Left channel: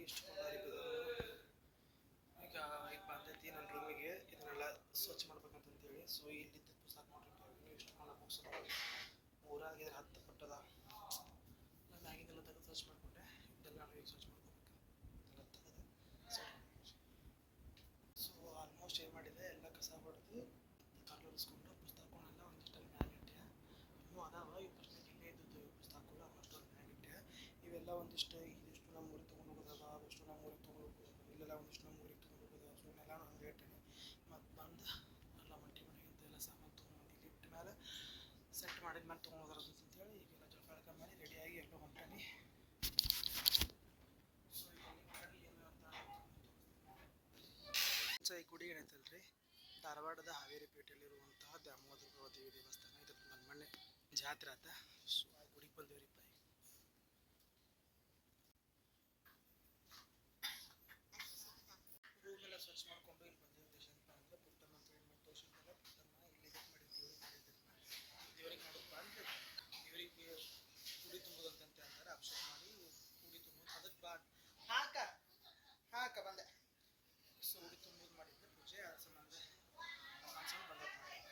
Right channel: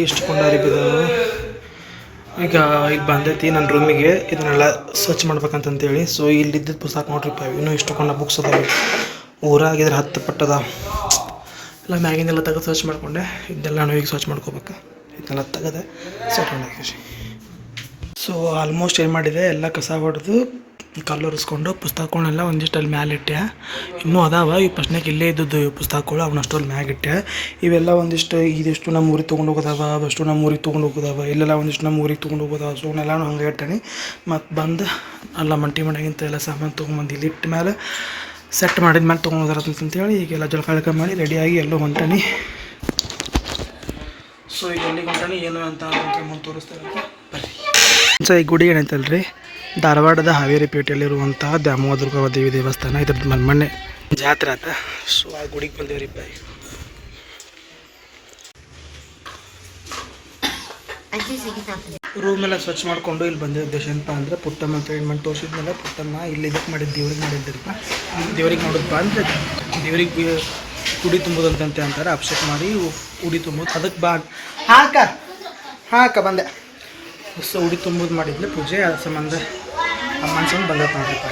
ಇಲ್ಲಿ ಇಷ್ಟು ಕೊಂಡಾರಿಬಿದ್ದಾವೆ. ಈಗ ಬಂದೈತಿ ನನ್ನ ರೂಮಿಗೆ ಇದನ್ನೆಲ್ಲ ಸರ್ಚ್ ಮಾಡ್ಬೇಕಂತಂತೇಳಿ. ಸೊ ಇಲ್ಲಿದ್ದ ಪುಸ್ತಕ ನೋಡ್ರಿಪ್ಪ, ಇನ್ನೂ ಇಷ್ಟು ಕೊಂಡ ಬುಕ್ಸ್ ಅದಾವೆ. ಊರಾಗಿದ್ರೆ 10 ಪಟ್ಟದ ಎಲ್ಲ ಮ್ಯಾಗಿನೆಲ್ಲ ತೆಗೆದು ಸರ್ಚ್ ಮಾಡಿಕೊಂಡೆ. ಇದನ್ನೆಲ್ಲ ನಾವು ಈಗ ಸರ್ಚ್ ಮಾಡ್ಕೋಬೇಕು. ಇದನ್ನೆಲ್ಲ ತೆಗೆದೆ ಸೆಟ್ ಮಾಡಿ. ಸೊ ಆಲ್ಮೋಸ್ಟ್ ಏನು ಮಾಡಿದೆ, ಎಲ್ಲ ಕಸ ಹೊಡೆದು ಕಲ್ಲು ಒರೆಸ್ಕೊಂಡು ಪುಸ್ತಕಗಳನ್ನೆಲ್ಲ ಒಂದಿಷ್ಟು ಅಲ್ಲಿ ಮ್ಯಾಲೆ ಇಟ್ಟೆ. ಇನ್ನೂ ಅದಾವ ಈ ಪ್ರಶ್ನೆಗೆ ಇಲ್ಲೇ ಇದ್ದದ್ದು ಪುಸ್ತಕಗಳು, ಅವನಷ್ಟು ಅಲ್ಲಿ ಮ್ಯಾಗ ಇಟ್ಟೆ. ಇವೆಲ್ಲ ಒಂದಿಷ್ಟು ಇದಿಷ್ಟು ನಮ್ಮ ಊರಿಗೆ ತೊಗೊಂಡು ಹೋಗೋದಾವ, ಅಷ್ಟು ನಮ್ಮ ಊರಿಗೆ ತೊಗೊಂಡು ಹೋಗೋದಾವ, ಇಲ್ಲೆಲ್ಲ ಒಂದಿಷ್ಟು ನಮ್ಮ ಊರಿಗೆ ತೊಗೊಂಡು ಹೋಗೋದಾವ. ಸೊ ಅವನ್ನೆಲ್ಲ ಹಂಗೆ ಇಟ್ಟೇನಿ. ಮತ್ತು ಬಂದು ಅಲ್ಲ ಮಂಟಿ ಮನೆಗಿಂತ ಎಲ್ಲ ಸಾಮಾನು ತೊಗೊಂಬಂದು ಇಲ್ಲಿ ಇಟ್ಟ ಮೇಲೆ ಸೆಟ್ ಮಾಡಿದ ಮೇಲೆ ತೊಗೊಂಡೋದಾರಂತಂತೇಳಿ ಈಗೆಲ್ಲ ಜಳಕ ಮಾಡಿ ರೆಡಿಯಾಗಿ ಎಲ್ಲೋ ಹೊಂಟಾನಿ. ಸೊ ಈಗ ಎಲ್ಲಿಗೆ ಹೊಂಟಾನಿ ಏನು ಅಂತ ಮುಂದೆ ತೋರಿಸ್ತಾರಂತೆ ಬರ್ರಿ. ಸೊ ಈ ಗುಡಿ ಏನೈತಲ್ರಿ, ಧಾರವಾಡದ ಹಾವೇರಿ ಪೇಟೆಯಲ್ಲಿರುವಂತಹ ದ್ಯಾಮವ್ವ ದುರ್ಗವ್ವ ದೇವಿ ದೇವಸ್ಥಾನ. ಇದ್ರದ್ದು ಮೊನ್ನೆ ಜಾತ್ರೆ ಆತ. ಸೊ ಆ ಗುಡಿಗೆ ಬಂದೇವ್ರಿಪ್ಪ. ರೂಮ್ ಎಲ್ಲ ಸ್ವಚ್ಛ ಮಾಡಿಕೊಂಡು ಇಲ್ಲಿ ಬಂದಿದ್ದ ಉದ್ದೇಶ ಏನಪ್ಪ ಅಂದರೆ ಪುಟ್ಟಮ್ಮ ಅಂತ ಏನು ಮಾಡಿ ತೋರಿಸಿದ್ಮೇಲೆ ಪುಟ್ಟಮ್ಮ ಇಲ್ಲಿ ಇದಕ್ಕೆ ಮಾಡಿದ್ದು ದೇವ್ರಿಗೆ ಮಾಡಿದ್ದರಿಪ್ಪ. ದೇವ್ರಿಗೆ ನೋಡಿದ್ಪ ಅಂದರೆ ದೇವ್ರಿಗೆ ಉಡಿ ತುಂಬೋದಂತೆ ಅಂತಾರೆ. ಅಭಿಷೇಕ ಮಾಡಿ ಉಡಿ ತುಂಬೋದು ಅದಕ್ಕೆ ಹಾಕ ಬಂದೆ. ಸೊ ಉಡಿ ತುಂಬೋದು ಮಾಡಿದ್ಲೆ ಪೂಜೆ, ಅದ್ರ ಸಂಬಂಧ ಅಮ್ಮನ ಸಂಬಂಧ ಬಂದಪ್ಪ ನೋಡ್ರಿಪ್ಪ.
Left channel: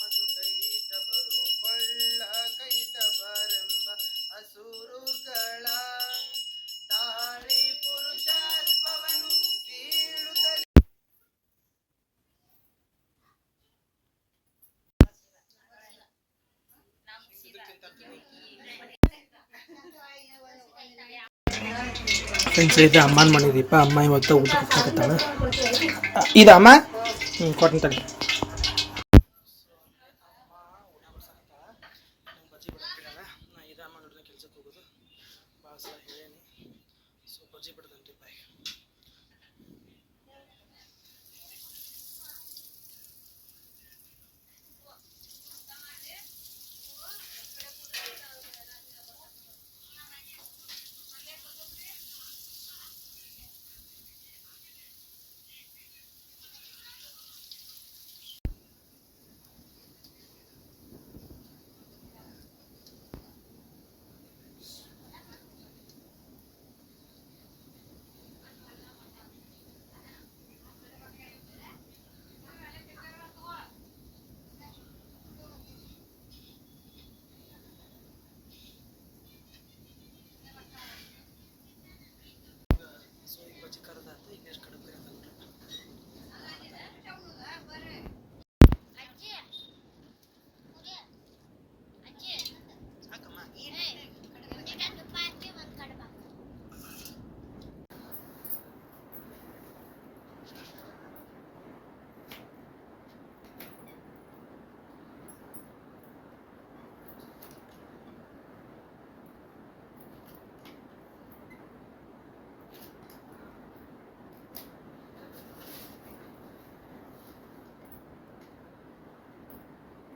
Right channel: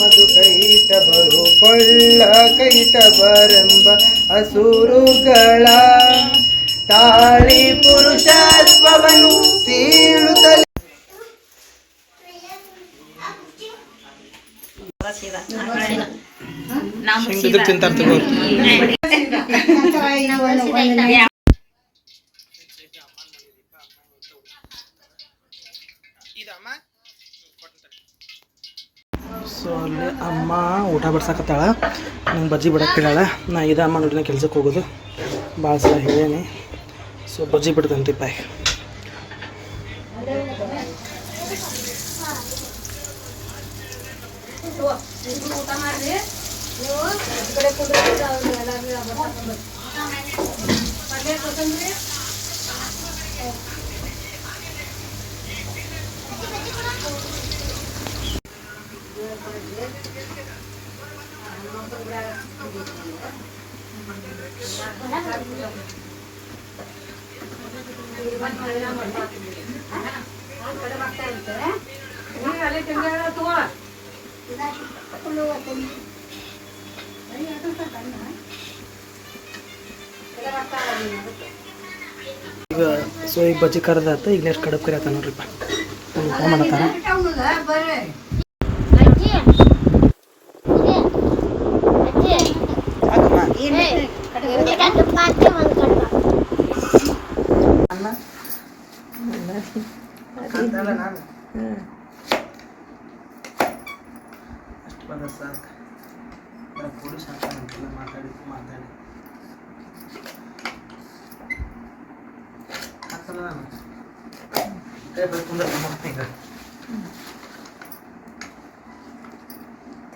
ಮಧು ಕೈಟ ಬರು ಕೊಳ್ಳ ಕೈಟ ಬರೆಂಬ ಅಸುರುಗಳ ತಾಳಿ ಪುರುಷತ್ವವನ್ನು ಸೀಳುತ್ತಲೇ ಫ್ರೆಂಡ್ಸ್. ಇದು ಅಮ್ಮನ ಮಾಡಿದೀಪ. ಅಮ್ಮ ಇವತ್ತು ಊಟ ಹಾಕತ್ತಾಳೆ. ಇದು ಅಮ್ಮ ಕೊಟ್ಟಂತ. ಸೊ ಅಲ್ಲಿ ಅಮ್ಮ ಊಟ ಬಡ್ಸಾಕತ್ತಾಳ. ನಂಗೆ ಬಜ್ಜಿ ಬಿಡಕ್ಕೆ ಹೇಳಾಳ. ನಾ ಇದು ಅಮ್ಮ ನೋಡಿನ ಕೆಲ್ಸಕ್ಕೆ ಹೋಗೋದು ಭಾಳ ಸಲ ಹೇಳೇನಿ. ಸೊ ಬಜ್ಜಿ ಬಿಡ್ತಂತಿಪ್ಪ. ಈಗ ಸೊ ಈಗ ಬಜ್ಜಿ ಕರೆದಾತ. ಈಗ ನೆಕ್ಸ್ಟ್ ಕಡಬ್ ಕರಿ ಆತ ನೋಡ್ರಿಪ್ಪ. ಊಟ ಮಾಡತ್ತಾರ.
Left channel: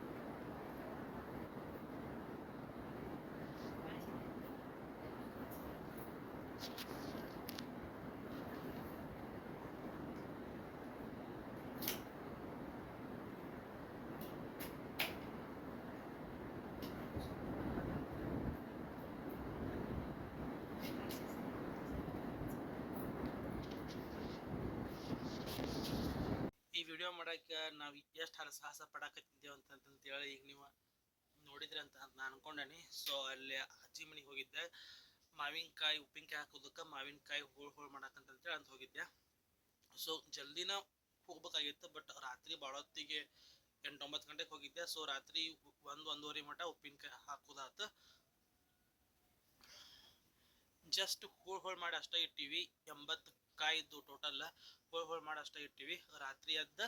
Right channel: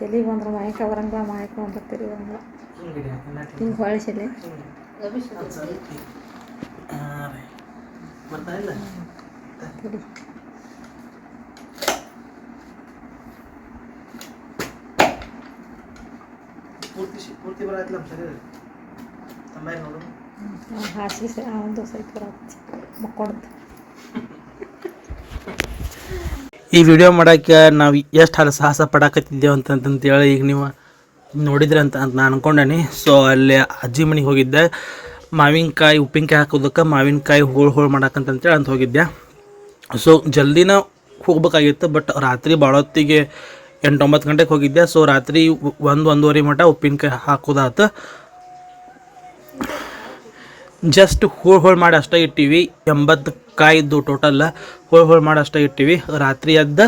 ತಲೆ ಬಂದ್ರೆ ಮಾಯಕ ಬರಂಗ ಮಾಯಕ ಅಂತ ತಲೆ ಬರಂಗ ಹಿಂಗೆ ಹೊಳಿಸಲಿ ಪೂರ್ತಿ ಬರಲ್ಲ ಸರಿ ನೋಡು. ಹಾಸಿಗೆ ಒಂದು ಸ್ವಲ್ಪ ಬರತ್ತೆ ಮಕ್ಕೊಡುತ್ತೆ. ಈ ವಿಡಿಯೋ ಮಾಡೋಕ್ಕೆ ನಾವು ಎಷ್ಟು ಸಾಹಸ ಪಡಾಕತ್ತಿದ್ದೇವೆ ಅಂತಂತೇಳಿ ಈಗ ನೀವು ನೋಡಿದ್ರೆ ಅಂತ ನಾನು ಅನ್ಕೊಂಡೇನಿ. ಸೊ ಅಲ್ಲಿ ಅಜ್ಜಿ ಮನೆಗೆ ಹೋಗಿದ್ದೆ. ಮಾವಿನಕಾಯಿ ಉಪ್ಪಿನಕಾಯಿ ಹಾಕೋದಕ್ಕೆ ಮಾವಿನಕಾಯಿ ಹೋಳು ಮಾಡಕ್ಕಂತೇಳಿ ಅಂತ ಹೋಗಿದ್ದೆ. ಸೊ ಜಲ್ದಿನ ಹೋಗ್ಬೇಕಾಗಿತ್ತು. ಬಟ್ ರಾತ್ರಿ ಭಾಳೊತ್ತಿಗೆ 8-9 ಗಂಟೆಗೆ ಹೋಗಿದ್ದೆ. ಸೊ ರಾತ್ರಿ 1-1:30 ಮಟ್ಟ ಉಪ್ಪಿನಕಾಯಿ ಹಾಕೋದಾತು. ಜಸ್ಟ್ ಹೋಳು ಮಾಡಿ ಅಷ್ಟೇ ಇಟ್ಟಿವಿ. 80 ಕಾಯಿದ್ದು ಟೋಟಲ್ ಹೋಳು ಮಾಡಿ ಅಷ್ಟೇ ಇಟ್ಟಿವಿ. ರಾತ್ರಿ ಎದ್ದು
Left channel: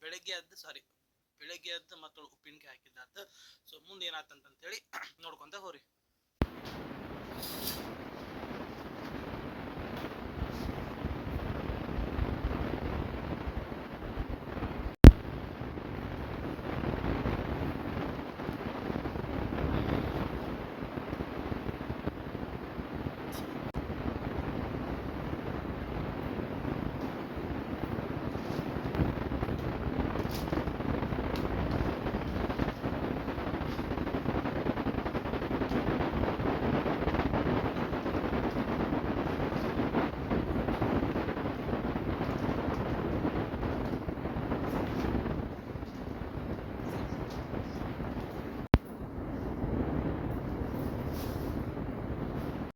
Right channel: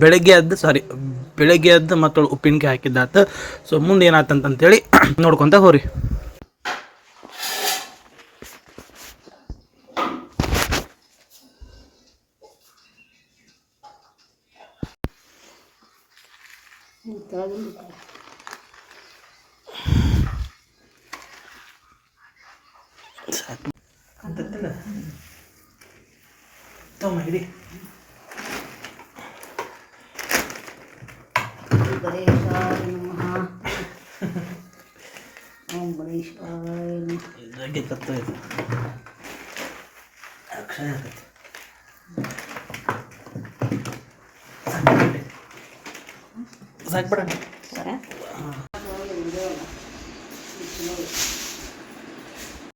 ಬೆಳಗ್ಗೆ ಎದ್ದು ಮತ್ತು ಉಪ್ಪಿನಕಾಯಿ ಹಾಕಿದ್ದಾತು. ಸೊ ಮುಂದೆ ಏನಾತಂತೇಳಿ ನೋಡ್ಕೊತ ಹೋರಿ. ಹಿಡಿ ಸಾಕ್ಬಿಡ ಸರ